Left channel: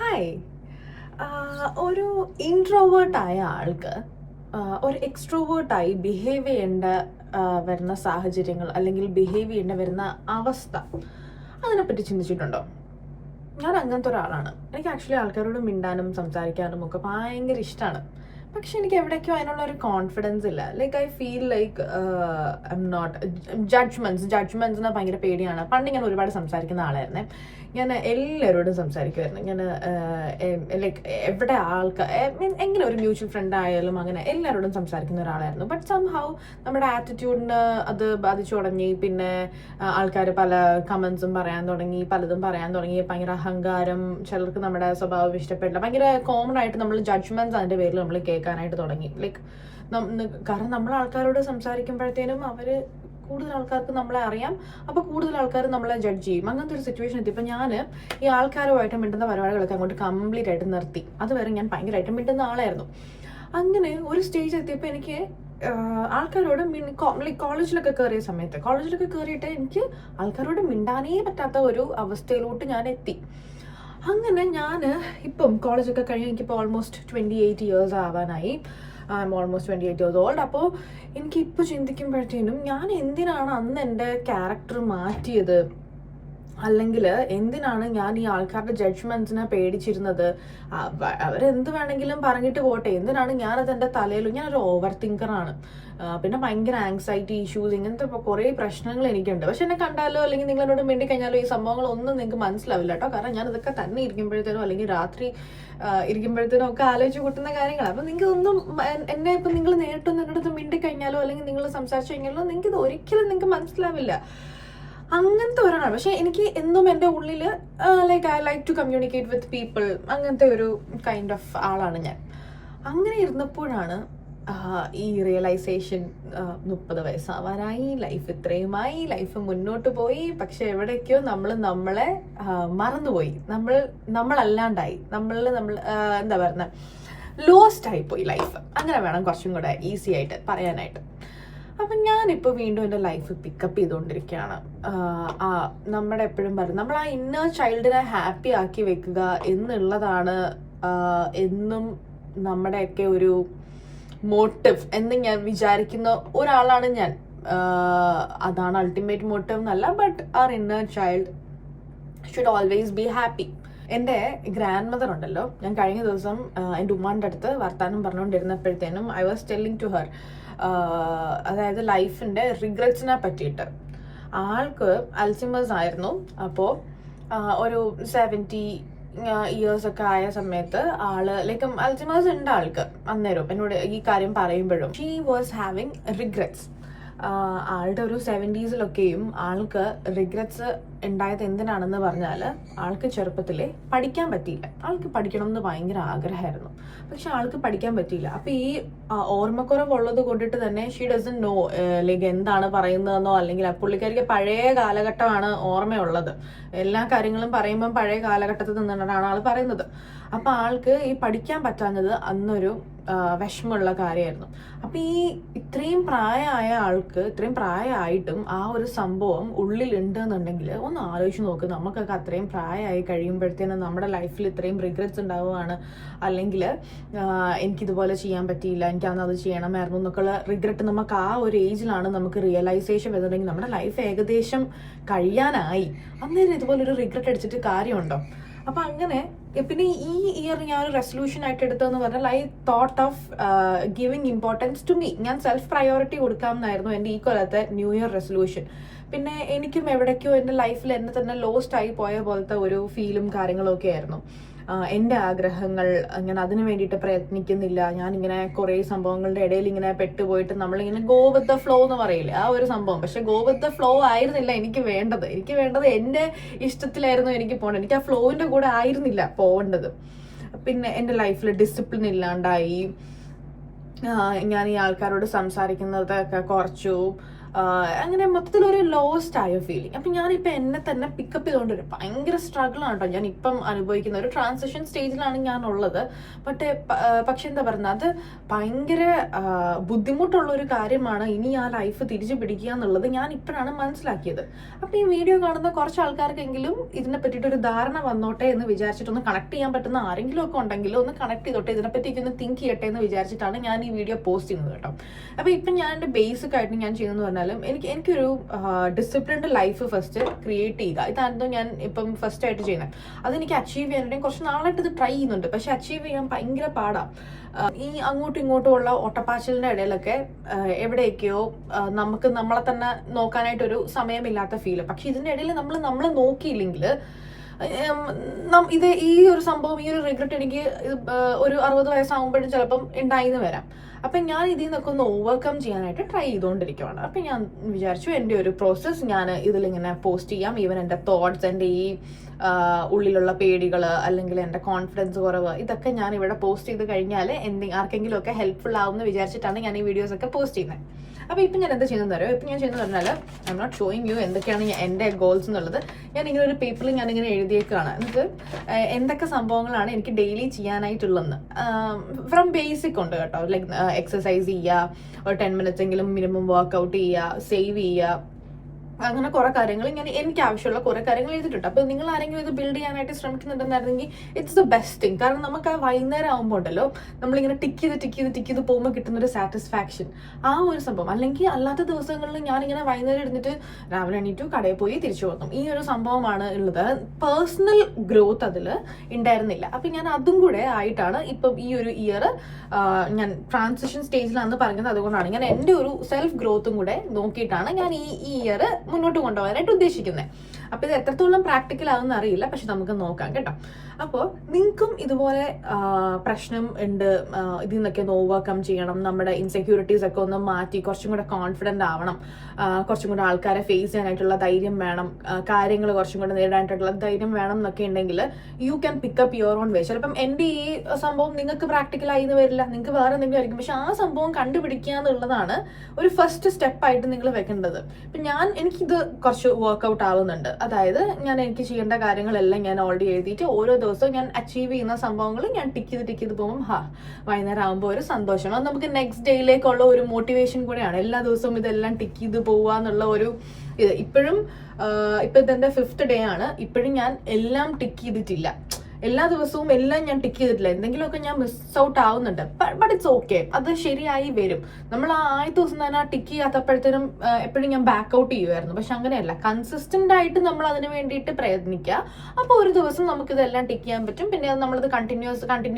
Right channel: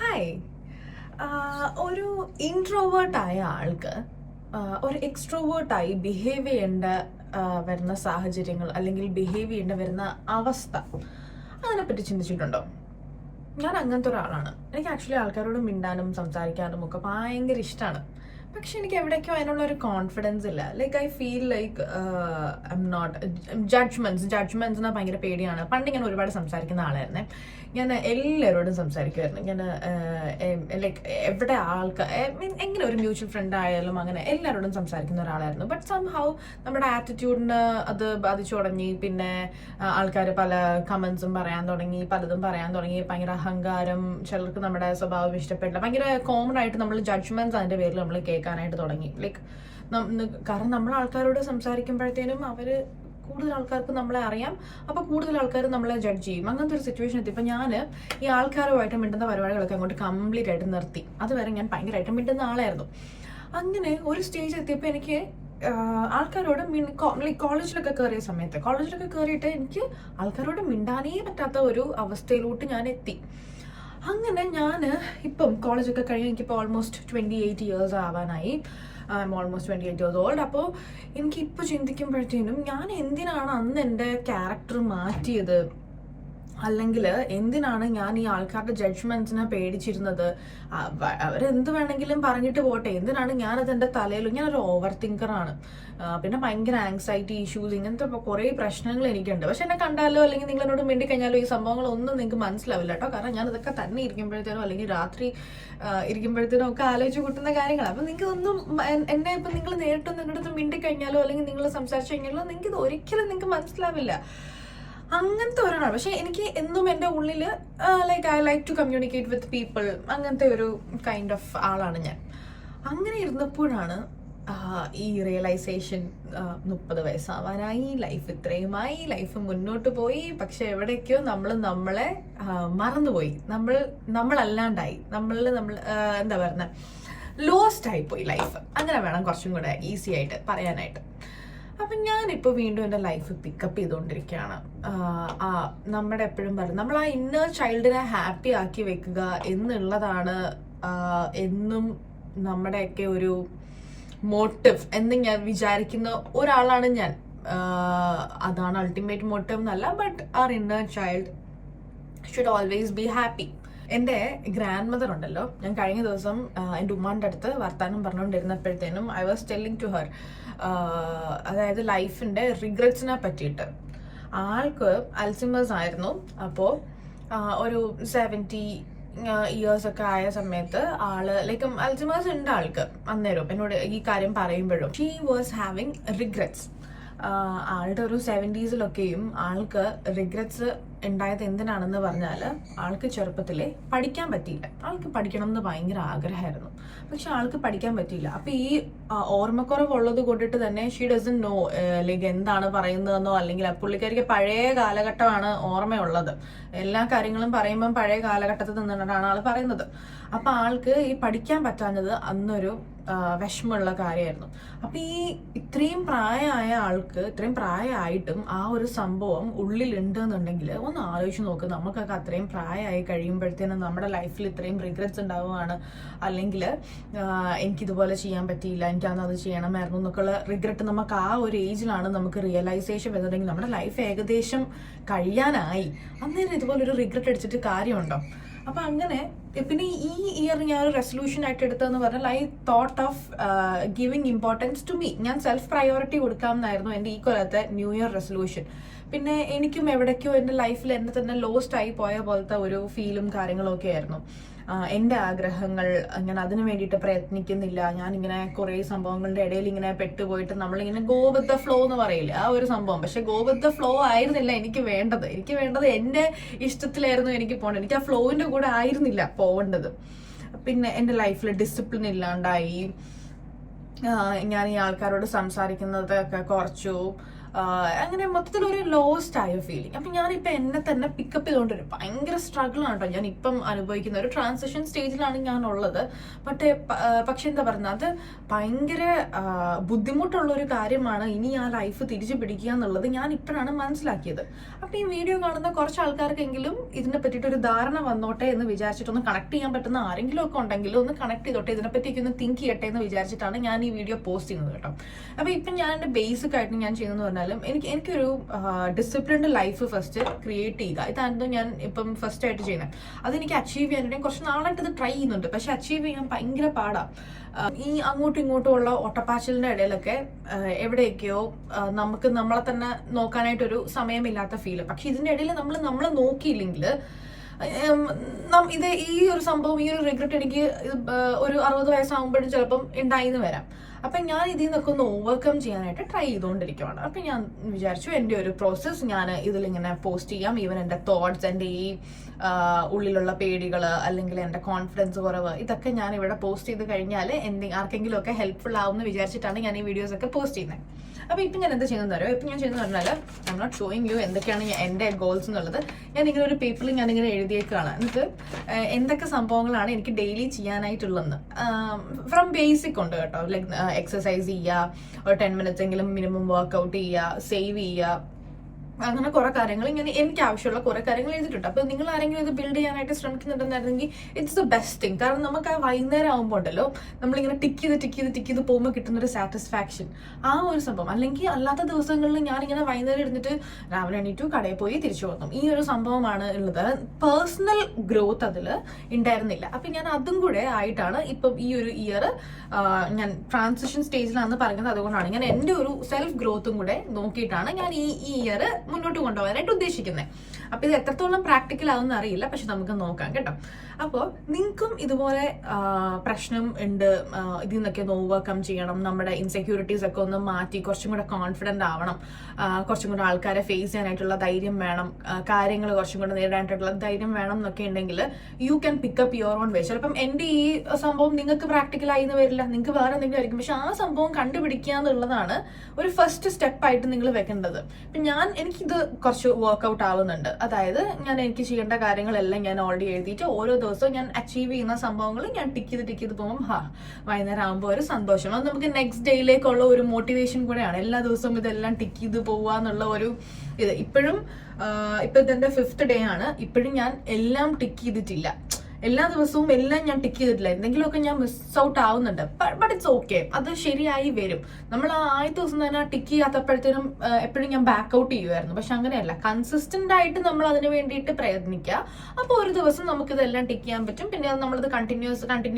Hi. ഒരു ഇൻട്രോവേർട്ടായ ആൾക്ക് ഒരു എക്സ്ട്രോവേർട്ടായി ബിഹേവ് ചെയ്യേണ്ട വരുന്ന സാഹചര്യങ്ങൾ അല്ലെങ്കിൽ ബിഹേവ് ചെയ്യേണ്ട വരുന്ന അവസ്ഥ അതിനെപ്പറ്റി ചിന്തിച്ചിട്ടുണ്ടോ? ഞാൻ അങ്ങനത്തെ ഒരാളാണ്. എനിക്ക് ആക്ച്വലി ആൾക്കാരോട് മിണ്ടാനും സംസാരിക്കാനും ഒക്കെ ഭയങ്കര ഇഷ്ടമാണ്. പക്ഷെ എനിക്ക് എവിടേക്കോ അതിനുള്ള ഒരു കോൺഫിഡൻസ് ഇല്ല. Like I feel like I'm not ജഡ്ജ്മെന്റ്സിനെ ഭയങ്കര പേടിയാണ്. പണ്ട് ഞാൻ ഒരുപാട് സംസാരിക്കുന്ന ആളായിരുന്നേ. ഞാൻ എല്ലാവരോടും സംസാരിക്കുമായിരുന്നു. ഞാൻ ലൈക്ക് എവിടെ ആൾക്കാർ എങ്ങനെ ഒരു മ്യൂച്വൽ ഫ്രണ്ട് ആയാലും അങ്ങനെ എല്ലാവരോടും സംസാരിക്കുന്ന ഒരാളായിരുന്നു. ബട്ട് സംഹൗ നമ്മുടെ ആറ്റിറ്റ്യൂഡിന് അത് ബാധിച്ചു തുടങ്ങി. പിന്നെ ആൾക്കാർ പല കമന്റ്സും പറയാൻ തുടങ്ങി, പലതും പറയാൻ തുടങ്ങി. ഭയങ്കര അഹങ്കാരം, ചിലർക്ക് നമ്മുടെ സ്വഭാവം ഇഷ്ടപ്പെട്ടില്ല. ഭയങ്കര കോമൺ ആയിട്ട് നമ്മൾ ജഡ്ജ്മെന്റ്സ് അതിന്റെ പേരിൽ നമ്മൾ കേൾക്കാനായിട്ട് തുടങ്ങി. ലൈക്ക് കാരണം നമ്മൾ ആൾക്കാരോട് സംസാരിക്കുമ്പോഴത്തേനും അവര് കൂടുതൽ ആൾക്കാർക്ക് നമ്മളെ അറിയാം. അപ്പൊ കൂടുതൽ ആൾക്കാർ നമ്മളെ ജഡ്ജ് ചെയ്യും. അങ്ങനത്തെ ഒരു സിറ്റുവേഷൻ എത്തി. ഇപ്പൊ ഞാൻ ഈ ആൾക്കാരുമായിട്ട് മിണ്ടുന്ന പരിപാടികളൊക്കെ അങ്ങോട്ട് കംപ്ലീറ്റ് ആയിട്ട് നിർത്തി. അതുവരെ ഞാൻ ഭയങ്കരമായിട്ട് മിണ്ടുന്ന ആളായിരുന്നു. അങ്ങനെ ഒരു സ്റ്റേജ് എത്തിയപ്പോൾ എനിക്ക് ആൾക്കാരോട് കോളേജിലൊക്കെ കയറിയിട്ട് എനിക്ക് ആൾക്കാരോട് മിണ്ടാനേ പറ്റാത്ത ഒരു അവസ്ഥയിലോട്ട് ഞാൻ എത്തി. അങ്ങനെ ഞാൻ ഇപ്പം കോളേജൊക്കെ കഴിഞ്ഞ് എനിക്കിപ്പോൾ ഓൾമോസ്റ്റ് 28 years ആവാനായി. I'm almost 28 years old. അപ്പോൾ എനിക്കിപ്പോൾ ചിന്തിക്കുമ്പോഴത്തേനും ഞാൻ എന്തിനാണ് അന്ന് എൻ്റെ ക്യാരക്ടർ മാറ്റിയത്, അല്ലെങ്കിൽ എന്തിനാണ് ഞാൻ ഈ ആൾക്കാരുടെ ജഡ്ജ്മെന്റ്സിനെ പേടിച്ചിരുന്നത്? അവരെന്ത് വേണമെങ്കിലും പറഞ്ഞിട്ട് പോട്ടെ, എന്തിനാണ് ഞാനത് എൻ്റെ തലയിൽ? ഞാനൊരു ഓവർ തിങ്കറാണ്. പിന്നെ ഭയങ്കര ആങ്സൈറ്റി ഇഷ്യൂസ്, ഇങ്ങനത്തെ കുറേ പ്രശ്നങ്ങൾ എനിക്കുണ്ട്. പക്ഷെ എന്നെ കണ്ടാലോ അല്ലെങ്കിൽ നിങ്ങൾ എന്നോട് മിണ്ടി കഴിഞ്ഞാലോ ഈ സംഭവങ്ങളൊന്നും നിങ്ങൾക്ക് മനസ്സിലാവില്ല കേട്ടോ. കാരണം ഞാൻ ഇതൊക്കെ തന്നെ ഇരിക്കുമ്പോഴത്തേനോ അല്ലെങ്കിൽ രാത്രി ഇരിക്കുമ്പോഴത്തേനോ ഒക്കെ ആലോചിച്ച് കൂട്ടുന്ന കാര്യങ്ങളാണ്. അപ്പം നിങ്ങൾക്ക് ഒന്നും എന്നെ ഇപ്പം നിങ്ങൾ നേരിട്ടൊന്നും എൻ്റെ അടുത്ത് മിണ്ടി കഴിഞ്ഞാലോ അല്ലെങ്കിൽ നിങ്ങൾ സംസാരിച്ചു കഴിഞ്ഞാലോ നിങ്ങൾക്ക് ഇത് ഒരിക്കലും നിങ്ങൾക്ക് മനസ്സിലാവില്ല. അങ്ങനത്തെ ഒരാളാണ്. പക്ഷെ എനിക്ക് എന്നും എൻ്റെ ഉള്ളിൽ like I like to communicate with people, അങ്ങനത്തെ ഒരു കൈൻഡ് ഓഫ് ആളാണ് ഞാൻ. അങ്ങനെ ഇരുന്നപ്പോഴാണ് ഈ റിയലൈസേഷൻ. 30 വയസ്സാവാനായി, ലൈഫ് ഇത്രയുമായി, ലൈഫ് മുന്നോട്ട് പോയി. പക്ഷെ എവിടേക്കോ നമ്മളെ മറന്നുപോയി, നമ്മളല്ലാണ്ടായി, എന്താ പറയുന്നത്, ലോസ്റ്റ് ആയിപ്പോയി ലൈഫ്. അങ്ങനെ വേണം കുറച്ചും കൂടെ ഈസി ആയിട്ട് പറയാനായിട്ട്. അപ്പം ഞാനിപ്പോൾ വീണ്ടും എൻ്റെ ലൈഫ് പിക്കപ്പ് ചെയ്തുകൊണ്ടിരിക്കുകയാണ്. നമ്മുടെ എപ്പോഴും പറയും, നമ്മൾ ആ ഇന്നർ ചൈൽഡിനെ ഹാപ്പി ആക്കി വെക്കുക എന്നുള്ളതാണ് എന്നും നമ്മുടെയൊക്കെ ഒരു മോട്ടീവ് എന്ന് ഞാൻ വിചാരിക്കുന്ന ഒരാളാണ് ഞാൻ. അതാണ് അൾട്ടിമേറ്റ് മോട്ടീവ് എന്നല്ല, but our inner child should always be happy. എൻ്റെ ഗ്രാൻഡ് മദർ ഉണ്ടല്ലോ, ഞാൻ കഴിഞ്ഞ ദിവസം എൻ്റെ ഉമ്മാൻ്റെ അടുത്ത് വർത്താനം പറഞ്ഞുകൊണ്ടിരുന്നപ്പോഴത്തേനും I was telling to her, അതായത് ലൈഫിൻ്റെ റിഗ്രറ്റ്സിനെ പറ്റിയിട്ട്. ആൾക്ക് അൽസിമേഴ്സ് ആയിരുന്നു. അപ്പോൾ ഒരു 70 years ഒക്കെ ആയ സമയത്ത് ആള് ലൈക്ക് അൽസിമേഴ്സ് ഉണ്ട് ആൾക്ക്. അന്നേരം എന്നോട് ഈ കാര്യം പറയുമ്പോഴും ഷീ വാസ് ഹാവിങ് റിഗ്രറ്റ്സ്. ആളുടെ ഒരു 70s ആൾക്ക് റിഗ്രറ്റ്സ് ഉണ്ടായത് എന്തിനാണെന്ന് പറഞ്ഞാൽ, ആൾക്ക് ചെറുപ്പത്തിലെ പഠിക്കാൻ പറ്റിയില്ല. ആൾക്ക് പഠിക്കണം എന്ന് ഭയങ്കര ആഗ്രഹമായിരുന്നു, പക്ഷെ ആൾക്ക് പഠിക്കാൻ പറ്റിയില്ല. അപ്പൊ ഈ ഓർമ്മക്കുറവുള്ളത് കൊണ്ടിട്ട് തന്നെ ഷീ ഡസൻ നോ ലൈക്ക് എന്താണ് പറയുന്നതെന്നോ, അല്ലെങ്കിൽ പുള്ളിക്കാരിക്ക് പഴയ കാലഘട്ടമാണ് ഓർമ്മയുള്ളത്. എല്ലാ കാര്യങ്ങളും പറയുമ്പം പഴയ കാലഘട്ടത്തിൽ നിന്നിട്ടാണ് ആൾ പറയുന്നത്. അപ്പൊ ആൾക്ക് ഈ പഠിക്കാൻ പറ്റാഞ്ഞത് അന്നൊരു വിഷമമുള്ള കാര്യമായിരുന്നു. അപ്പൊ ഈ ഇത്രയും പ്രായമായ ആൾക്ക്, ഇത്രയും പ്രായമായിട്ടും ആ ഒരു സംഭവം ഉള്ളിലുണ്ട് എന്നുണ്ടെങ്കിൽ ഒന്ന് ആലോചിച്ച് നോക്ക്. നമുക്കൊക്കെ അത്രയും പ്രായമായി കഴിയുമ്പോഴത്തേനും നമ്മുടെ ലൈഫിൽ ഇത്രയും റിഗ്രറ്റ്സ് ഉണ്ടാവുകയാണ്, അല്ലെങ്കിൽ എനിക്കിതുപോലെ ചെയ്യാൻ പറ്റിയില്ല, എനിക്കന്ന് അത് ചെയ്യണമായിരുന്നു എന്നൊക്കെയുള്ള റിഗ്രറ്റ് നമുക്ക് ആ ഒരു ഏജിലാണ് നമുക്ക് റിയലൈസേഷൻ വരുന്നുണ്ടെങ്കിൽ നമ്മുടെ ലൈഫ് ഏകദേശം കഴിയാനായി. അന്നേരം ഇതുപോലൊരു റിഗ്രറ്റ് അടിച്ചിട്ട് കാര്യമുണ്ടോ? അപ്പൊ അങ്ങനെ പിന്നെ ഈ ഇയർ ഞാൻ ഒരു റെസൊല്യൂഷൻ ആയിട്ട് എടുത്തതെന്ന് പറഞ്ഞാൽ I thought of giving importance to me. ഞാൻ സെൽഫ് പ്രയോറിറ്റി കൊടുക്കാം എന്നായിരുന്നു എൻ്റെ ഈ കൊല്ലത്തെ ന്യൂ ഇയർ റെസൊല്യൂഷൻ. പിന്നെ എനിക്കും എവിടേക്കോ എൻ്റെ ലൈഫിൽ എന്നെ തന്നെ ലോസ്റ്റ് ആയി പോയ പോലത്തെ ഒരു ഫീലും കാര്യങ്ങളും ഒക്കെ ആയിരുന്നു. എൻ്റെ ആഗ്രഹങ്ങൾ, ഞാൻ അതിനു വേണ്ടിയിട്ട് പ്രയത്നിക്കുന്നില്ല. ഞാനിങ്ങനെ കുറേ സംഭവങ്ങളുടെ ഇടയിൽ ഇങ്ങനെ പെട്ടുപോയിട്ട് നമ്മളിങ്ങനെ ഗോ വിത്ത് ദ ഫ്ലോ എന്ന് പറയില്ലേ, ആ ഒരു സംഭവം. പക്ഷെ ഗോ വിത്ത് ദ ഫ്ലോ ആയിരുന്നില്ല എനിക്ക് വേണ്ടത് എൻ്റെ ഇഷ്ടത്തിലായിരുന്നു എനിക്ക് പോകേണ്ടത്. എനിക്ക് ആ ഫ്ലോവിൻ്റെ കൂടെ ആയിരുന്നില്ല പോകേണ്ടത്. പിന്നെ എൻ്റെ ലൈഫിൽ ഡിസിപ്ലിൻ ഇല്ലാണ്ടായി. ഞാൻ ഈ ആൾക്കാരോട് സംസാരിക്കുന്നതൊക്കെ കുറച്ചു. അങ്ങനെ മൊത്തത്തിലൊരു ലോസ്റ്റ് ആയ ഫീലിംഗ്. അപ്പം ഞാനിപ്പോൾ എന്നെ തന്നെ പിക്കപ്പ് ചെയ്തുകൊണ്ടൊരു ഭയങ്കര സ്ട്രഗിളാണ് കേട്ടോ ഞാൻ ഇപ്പം അനുഭവിക്കുന്ന ഒരു ട്രാൻസിഷൻ സ്റ്റേജിലാണ് ഞാനുള്ളത്. പക്ഷെ എന്താ പറയുന്നത്, അത് ഭയങ്കര ബുദ്ധിമുട്ടുള്ള ഒരു കാര്യമാണ് ഇനി ആ ലൈഫ് തിരിച്ചു പിടിക്കുക എന്നുള്ളത് ഞാൻ ഇപ്പോഴാണ് മനസ്സിലാക്കിയത്. അപ്പം ഈ വീഡിയോ കാണുന്ന കുറച്ച് ആൾക്കാർക്കെങ്കിലും ഇതിനെ പറ്റിയിട്ടൊരു ധാരണ വന്നോട്ടെ എന്ന് വിചാരിച്ചിട്ടൊന്ന് കണക്ട് ചെയ്യാൻ പറ്റുന്ന ആരെങ്കിലും ഒക്കെ ഉണ്ടെങ്കിലും ഒന്ന് കണക്ട് ചെയ്തോട്ടെ, ഇതിനെപ്പറ്റിയൊക്കെ ഒന്ന് തിങ്ക് ചെയ്യട്ടെ എന്ന് വിചാരിച്ചിട്ടാണ് ഞാൻ ഈ വീഡിയോ പോസ്റ്റ് ചെയ്യുന്നത് കേട്ടോ. അപ്പോൾ ഇപ്പം ഞാൻ എൻ്റെ ബേസിക് ആയിട്ട് ഞാൻ ചെയ്യുന്നത് പറഞ്ഞാലും എനിക്കൊരു ഡിസിപ്ലിൻഡ് ലൈഫ് ഫസ്റ്റ് ക്രിയേറ്റ് ചെയ്യുക. ഇതായിരുന്നു ഞാൻ ഇപ്പം ഫസ്റ്റ് ആയിട്ട് ചെയ്യുന്നത്. അതെനിക്ക് അച്ചീവ് ചെയ്യാനായിട്ട് കുറച്ച് നാളായിട്ട് ഇത് ട്രൈ ചെയ്യുന്നുണ്ട്. പക്ഷെ അച്ചീവ് ചെയ്യാൻ ഭയങ്കര പാടാണ്. ഈ അങ്ങോട്ടും ഇങ്ങോട്ടും ഉള്ള ഒട്ടപ്പാച്ചിലിൻ്റെ ഇടയിലൊക്കെ എവിടെയൊക്കെയോ നമുക്ക് നമ്മളെ തന്നെ നോക്കാനായിട്ടൊരു സമയമില്ലാത്ത ഫീല്. പക്ഷെ ഇതിൻ്റെ ഇടയിൽ നമ്മൾ നോക്കിയില്ലെങ്കിൽ ഇത് ഈ ഒരു സംഭവം, ഈ ഒരു റിഗ്രറ്റ് എനിക്ക് ഒരു 60 വയസ്സാകുമ്പോഴും ചിലപ്പം ഉണ്ടായിന്ന് വരാം. അപ്പം ഞാൻ ഇതിൽ നിന്നൊക്കെ ഒന്ന് ഓവർകം ചെയ്യാനായിട്ട് ട്രൈ ചെയ്തുകൊണ്ടിരിക്കുകയാണ്. അപ്പം ഞാൻ വിചാരിച്ചു എൻ്റെ ഒരു പ്രോസസ്സ് ഞാൻ ഇതിലിങ്ങനെ പോസ്റ്റ് ചെയ്യാം. ഈവൻ എൻ്റെ തോട്ട്സ്, എൻ്റെ ഈ ഉള്ളിലുള്ള പേടികൾ അല്ലെങ്കിൽ എൻ്റെ കോൺഫിഡൻസ് കുറവ്, ഇതൊക്കെ ഞാൻ ഇവിടെ പോസ്റ്റ് ചെയ്ത് കഴിഞ്ഞാൽ ആർക്കെങ്കിലും ഒക്കെ ഹെൽപ്ഫുൾ ആവുമെന്ന് വിചാരിച്ചിട്ടാണ് ഞാൻ ഈ വീഡിയോസ് ഒക്കെ പോസ്റ്റ് ചെയ്യുന്നത്. അപ്പോൾ ഇപ്പം ഞാൻ എന്താ ചെയ്യുന്നത് അറിയോ? ഇപ്പം ഞാൻ ചെയ്യുന്നത് പറഞ്ഞാൽ I'm not showing you എന്തൊക്കെയാണ് എൻ്റെ ഗോൾസ് എന്നുള്ളത്. ഞാനിങ്ങനെ ഒരു പേപ്പറിൽ ഞാനിങ്ങനെ എഴുതിയേക്കാണ്. എന്നിട്ട് എന്തൊക്കെ സംഭവങ്ങളാണ് എനിക്ക് ഡെയിലി ചെയ്യാനായിട്ടുള്ളതെന്ന്. ഫ്രം ബേസിക് ഉണ്ട് കേട്ടോ, ലൈക്ക് എക്സസൈസ് ചെയ്യുക, ഒരു 10 minutes എങ്കിലും മിനിമം വർക്കൗട്ട് ചെയ്യുക, സേവ് ചെയ്യുക, അങ്ങനെ കുറെ കാര്യങ്ങൾ ഇങ്ങനെ എനിക്ക് ആവശ്യമുള്ള കുറെ കാര്യങ്ങൾ ചെയ്തിട്ടുണ്ട്. അപ്പോൾ നിങ്ങൾ ആരെങ്കിലും ഇത് ബിൽഡ് ചെയ്യാനായിട്ട് ശ്രമിക്കുന്നുണ്ടെന്നായിരുന്നെങ്കിൽ ഇറ്റ്സ് ദ ബെസ്റ്റ് തിങ്. കാരണം നമുക്ക് ആ വൈകുന്നേരം ആകുമ്പോൾ ഉണ്ടല്ലോ, നമ്മളിങ്ങനെ ടിക്ക് ചെയ്ത് പോകുമ്പോൾ കിട്ടുന്നൊരു സാറ്റിസ്ഫാക്ഷൻ, ആ ഒരു സംഭവം. അല്ലെങ്കിൽ അല്ലാത്ത ദിവസങ്ങളിൽ ഞാനിങ്ങനെ വൈകുന്നേരം ഇരുന്നിട്ട് രാവിലെ എണീറ്റു കടയിൽ പോയി തിരിച്ചു വന്നു, ഈ ഒരു സംഭവമാണ് ഉള്ളത്. പേഴ്സണൽ ഗ്രോത്ത് അതിൽ ഉണ്ടായിരുന്നില്ല. അപ്പം ഞാൻ അതും കൂടെ ആയിട്ടാണ് ഇപ്പം ഈ ഒരു ഇയർ ഞാൻ ട്രാൻസിഷൻ സ്റ്റേജിലാണെന്ന് പറഞ്ഞത്. അതുകൊണ്ടാണ് ഞാൻ എൻ്റെ ഒരു സെൽഫ് ഗ്രോത്തും കൂടെ നോക്കിയിട്ടാണ് ഞാൻ ഈ ഇയർ മുന്നോട്ട് കൊണ്ടുപോകാനായിട്ട് ഉദ്ദേശിക്കുന്നത്. അപ്പോൾ ഇത് എത്രത്തോളം പ്രാക്ടിക്കൽ ആവുമെന്ന് അറിയില്ല, പക്ഷെ നമുക്ക് നോക്കാം കേട്ടോ. അപ്പോൾ നിങ്ങൾക്കും ഇതുപോലെ പ്രശ്നം ഉണ്ട്, ഇതിൽ നിന്നൊക്കെ ഒന്ന് ഓവർകം ചെയ്യണം, നമ്മുടെ ഇൻസെക്യൂരിറ്റീസ് ഒക്കെ ഒന്ന് മാറ്റി കുറച്ചും കൂടെ കോൺഫിഡൻ്റ് ആവണം, കുറച്ചും കൂടെ ആൾക്കാരെ ഫേസ് ചെയ്യാനായിട്ടുള്ള ധൈര്യം വേണം, കാര്യങ്ങൾ കുറച്ചും കൂടെ നേരിടാനായിട്ടുള്ള ധൈര്യം വേണം എന്നൊക്കെ ഉണ്ടെങ്കിൽ you can pickup your own വേ. ചിലപ്പം എൻ്റെ ഈ സംഭവം നിങ്ങൾക്ക് പ്രാക്ടിക്കൽ ആയി എന്ന് വരില്ല, നിങ്ങൾക്ക് വേറെ എന്തെങ്കിലും ആയിരിക്കും. പക്ഷെ ആ സംഭവം കണ്ടുപിടിക്കുക എന്നുള്ളതാണ് ഒരു ഫസ്റ്റ് സ്റ്റെപ്പായിട്ട് നിങ്ങൾ വെക്കേണ്ടത്. ഇപ്പം എനിക്കിത് കുറച്ച് വർക്കൗട്ട് ആവുന്നുണ്ട്. അതായത് എനിക്ക് ചെയ്യേണ്ട കാര്യങ്ങളെല്ലാം ഞാൻ ഓൾറെഡി എഴുതിയിട്ട് ഓരോ ദിവസവും ഞാൻ അച്ചീവ് ചെയ്യുന്ന സംഭവങ്ങൾ ഞാൻ ടിക്ക് ചെയ്ത് പോകുമ്പോൾ വൈകുന്നേരം ആകുമ്പോൾ ഒരു സന്തോഷം. അത് നമുക്ക് നെക്സ്റ്റ് ഡേയിലേക്കുള്ള ഒരു മോട്ടിവേഷൻ കൂടെയാണ്. എല്ലാ ദിവസവും ഇതെല്ലാം ടിക്ക് ചെയ്ത് പോവുക എന്നുള്ള ഒരു ഇത്. ഇപ്പം ഇതെന്റെ 5th ഡേ ആണ്. ഇപ്പോഴും ഞാൻ എല്ലാം ടിക്ക് ചെയ്തിട്ടില്ല. എല്ലാ ദിവസവും എല്ലാം ഞാൻ ടിക്ക് ചെയ്തിട്ടില്ല, എന്തെങ്കിലുമൊക്കെ ഞാൻ മിസ് ഔട്ട് ആവുന്നുണ്ട്. ബട്ട് ഇറ്റ്സ് ഓക്കെ, അത് ശരിയായി വരും. നമ്മൾ ആ ആദ്യ ദിവസം തന്നെ ആ ടിക്ക് ചെയ്യാത്തപ്പോഴത്തേനും എപ്പോഴും ഞാൻ ബാക്ക് ഔട്ട് ചെയ്യുമായിരുന്നു. പക്ഷെ അങ്ങനെയല്ല, കൺസിസ്റ്റന്റ് ആയിട്ട് നമ്മൾ അതിന് വേണ്ടിയിട്ട് പ്രയത്നിക്കുക. അപ്പോൾ ഒരു ദിവസം നമുക്കിതെല്ലാം ടിക്ക് ചെയ്യാൻ പറ്റും. പിന്നെ അത് നമ്മളത് കണ്ടിന്യൂ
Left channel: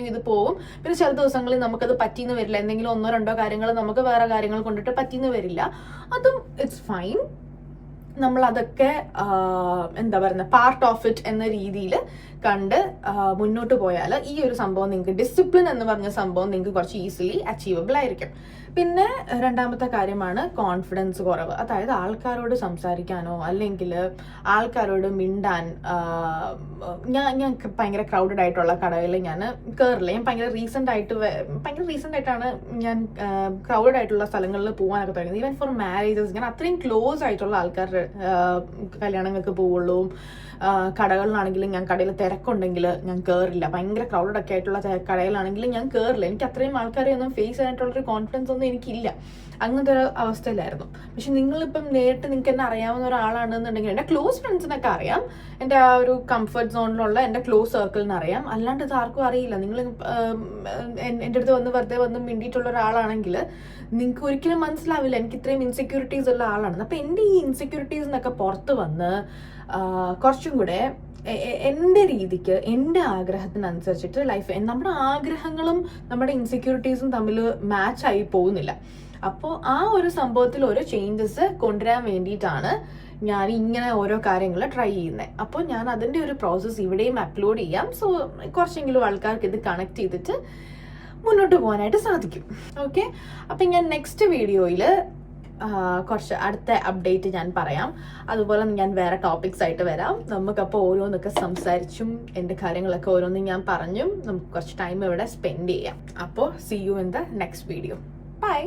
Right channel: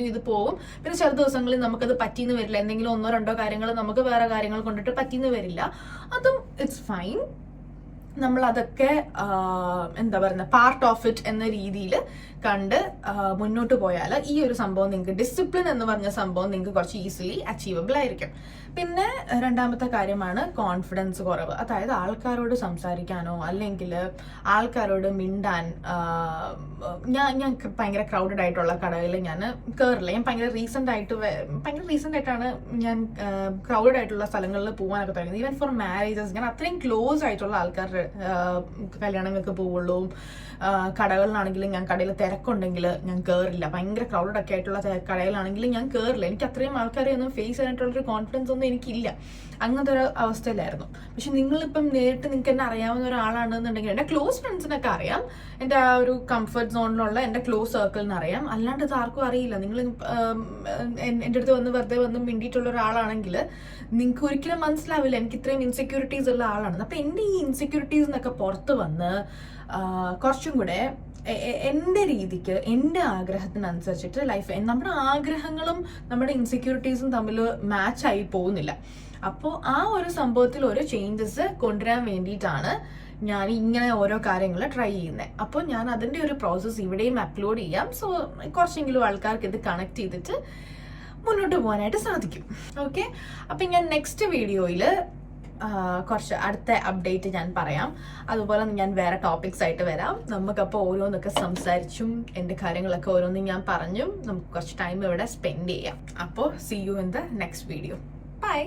ചെയ്ത് പോകും. പിന്നെ ചില ദിവസങ്ങളിൽ നമുക്കത് പറ്റിയെന്ന് വരില്ല, എന്തെങ്കിലും 1-2 കാര്യങ്ങൾ നമുക്ക് വേറെ കാര്യങ്ങൾ കൊണ്ടിട്ട് പറ്റിയെന്ന് വരില്ല. അതും ഇറ്റ്സ് ഫൈൻ. നമ്മൾ അതൊക്കെ എന്താ പറയുക, പാർട്ട് ഓഫ് ഇറ്റ് എന്ന രീതിയിൽ കണ്ട് മുന്നോട്ട് പോയാൽ ഈ ഒരു സംഭവം നിങ്ങൾക്ക്, ഡിസിപ്ലിൻ എന്ന് പറഞ്ഞ സംഭവം നിങ്ങൾക്ക് കുറച്ച് ഈസിലി അച്ചീവബിൾ ആയിരിക്കും. പിന്നെ രണ്ടാമത്തെ കാര്യമാണ് കോൺഫിഡൻസ് കുറവ്. അതായത് ആൾക്കാരോട് സംസാരിക്കാനോ അല്ലെങ്കിൽ ആൾക്കാരോട് മിണ്ടാൻ, ഞാൻ ഭയങ്കര ക്രൗഡഡ് ആയിട്ടുള്ള കടകളിൽ ഞാൻ കയറില്ല. ഞാൻ ഭയങ്കര റീസെന്റ് ആയിട്ടാണ് ഞാൻ ക്രൗഡഡ് ആയിട്ടുള്ള സ്ഥലങ്ങളിൽ പോകാനൊക്കെ തുടങ്ങുന്നത്. ഈവൻ ഫോർ മാരേജസ് ഞാൻ അത്രയും ക്ലോസ് ആയിട്ടുള്ള ആൾക്കാരുടെ കല്യാണങ്ങൾക്ക് പോവുള്ളൂ. കടകളിലാണെങ്കിലും ഞാൻ കടയിൽ തിരക്കുണ്ടെങ്കിൽ ഞാൻ കയറില്ല. ഭയങ്കര ക്രൗഡഡ് ഒക്കെ ആയിട്ടുള്ള കടയിലാണെങ്കിൽ ഞാൻ കയറില്ല. എനിക്ക് അത്രയും ആൾക്കാരെ ഒന്നും ഫേസ് ചെയ്യാനായിട്ടുള്ളൊരു കോൺഫിഡൻസ് ഒന്നും എനിക്കില്ല. അങ്ങനത്തെ ഒരു അവസ്ഥയിലായിരുന്നു. പക്ഷെ നിങ്ങളിപ്പം നേരിട്ട് നിങ്ങൾക്ക് എന്നെ അറിയാവുന്ന ഒരാളാണെന്നുണ്ടെങ്കിൽ, എൻ്റെ ക്ലോസ് ഫ്രണ്ട്സിനൊക്കെ അറിയാം, എൻ്റെ ആ ഒരു കംഫർട്ട് സോണിലുള്ള എൻ്റെ ക്ലോസ് സർക്കിളിന് അറിയാം. അല്ലാണ്ട് ഇത് ആർക്കും അറിയില്ല. നിങ്ങൾ എൻ്റെ അടുത്ത് വെറുതെ വന്ന് മിണ്ടിയിട്ടുള്ള ഒരാളാണെങ്കിൽ നിങ്ങൾക്ക് ഒരിക്കലും മനസ്സിലാവില്ല എനിക്ക് ഇത്രയും ഇൻസെക്യൂരിറ്റീസ് ഉള്ള ആളാണ്. അപ്പം എൻ്റെ ഈ ഇൻസെക്യൂരിറ്റീസ് എന്നൊക്കെ പുറത്ത് വന്ന് കുറച്ചും കൂടെ എൻ്റെ രീതിക്ക്, എൻ്റെ ആഗ്രഹത്തിനനുസരിച്ചിട്ട് ലൈഫ്, നമ്മുടെ ആഗ്രഹങ്ങളും നമ്മുടെ ഇൻസെക്യൂരിറ്റീസും തമ്മിൽ മാച്ചായി പോകുന്നില്ല. അപ്പോൾ ആ ഒരു സംഭവത്തിൽ ഓരോ ചേഞ്ചസ് കൊണ്ടുവരാൻ വേണ്ടിയിട്ടാണ് ഞാൻ ഇങ്ങനെ ഓരോ കാര്യങ്ങൾ ട്രൈ ചെയ്യുന്നത്. അപ്പോൾ ഞാൻ അതിൻ്റെ ഒരു പ്രോസസ്സ് ഇവിടെയും അപ്ലോഡ് ചെയ്യാം. സോ കുറച്ചെങ്കിലും ആൾക്കാർക്ക് ഇത് കണക്ട് ചെയ്തിട്ട് മുന്നോട്ട് പോകാനായിട്ട് സാധിക്കും. ഓക്കെ, അപ്പം ഞാൻ നെക്സ്റ്റ് വീഡിയോയിൽ കുറച്ച് അടുത്ത അപ്ഡേറ്റ് ഞാൻ പറയാം. അതുപോലെ ഞാൻ വേറെ ടോപ്പിക്സ് ആയിട്ട് വരാം. നമുക്കപ്പോൾ ഓരോന്നൊക്കെ സംസാരിച്ചും എൻ്റെ കാര്യങ്ങളൊക്കെ ഓരോന്നും ഞാൻ പറഞ്ഞും നമുക്ക് കുറച്ച് ടൈം ഇവിടെ സ്പെൻഡ് ചെയ്യാം. അപ്പോൾ see you in the next video. By.